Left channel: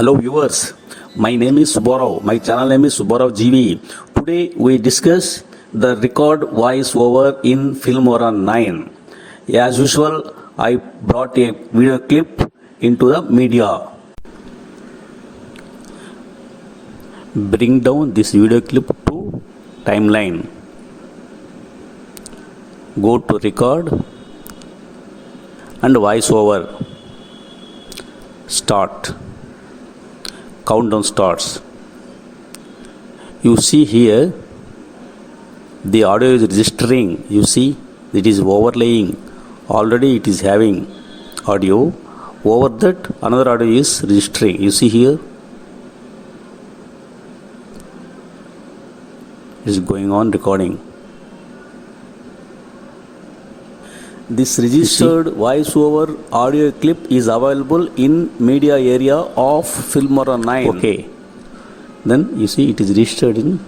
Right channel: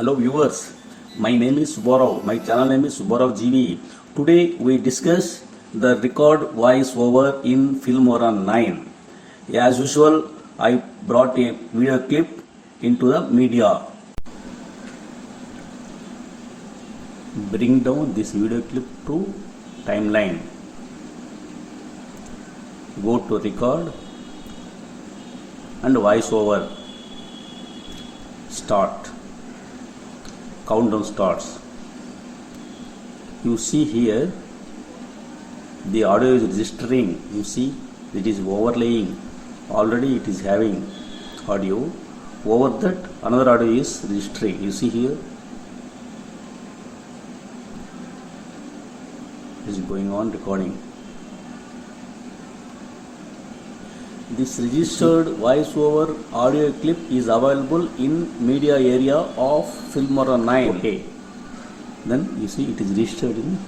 Hello viewers, my name is Subbaraogv. My channel name is subbaraogv. Today we discuss the record voice over in Filmora9. As usual, I brought a video clip into the media. Bring down this video clip to timeline. Go to record and voice over. Start. Countdown starts. You see here the audio is registering. You see it is overlaying. Already it is having audio. Over that another audio is registering. You see here it is going on recording. This registered voiceover audio clip is available in media area of Filmora9. Okay. Then you see it is registered in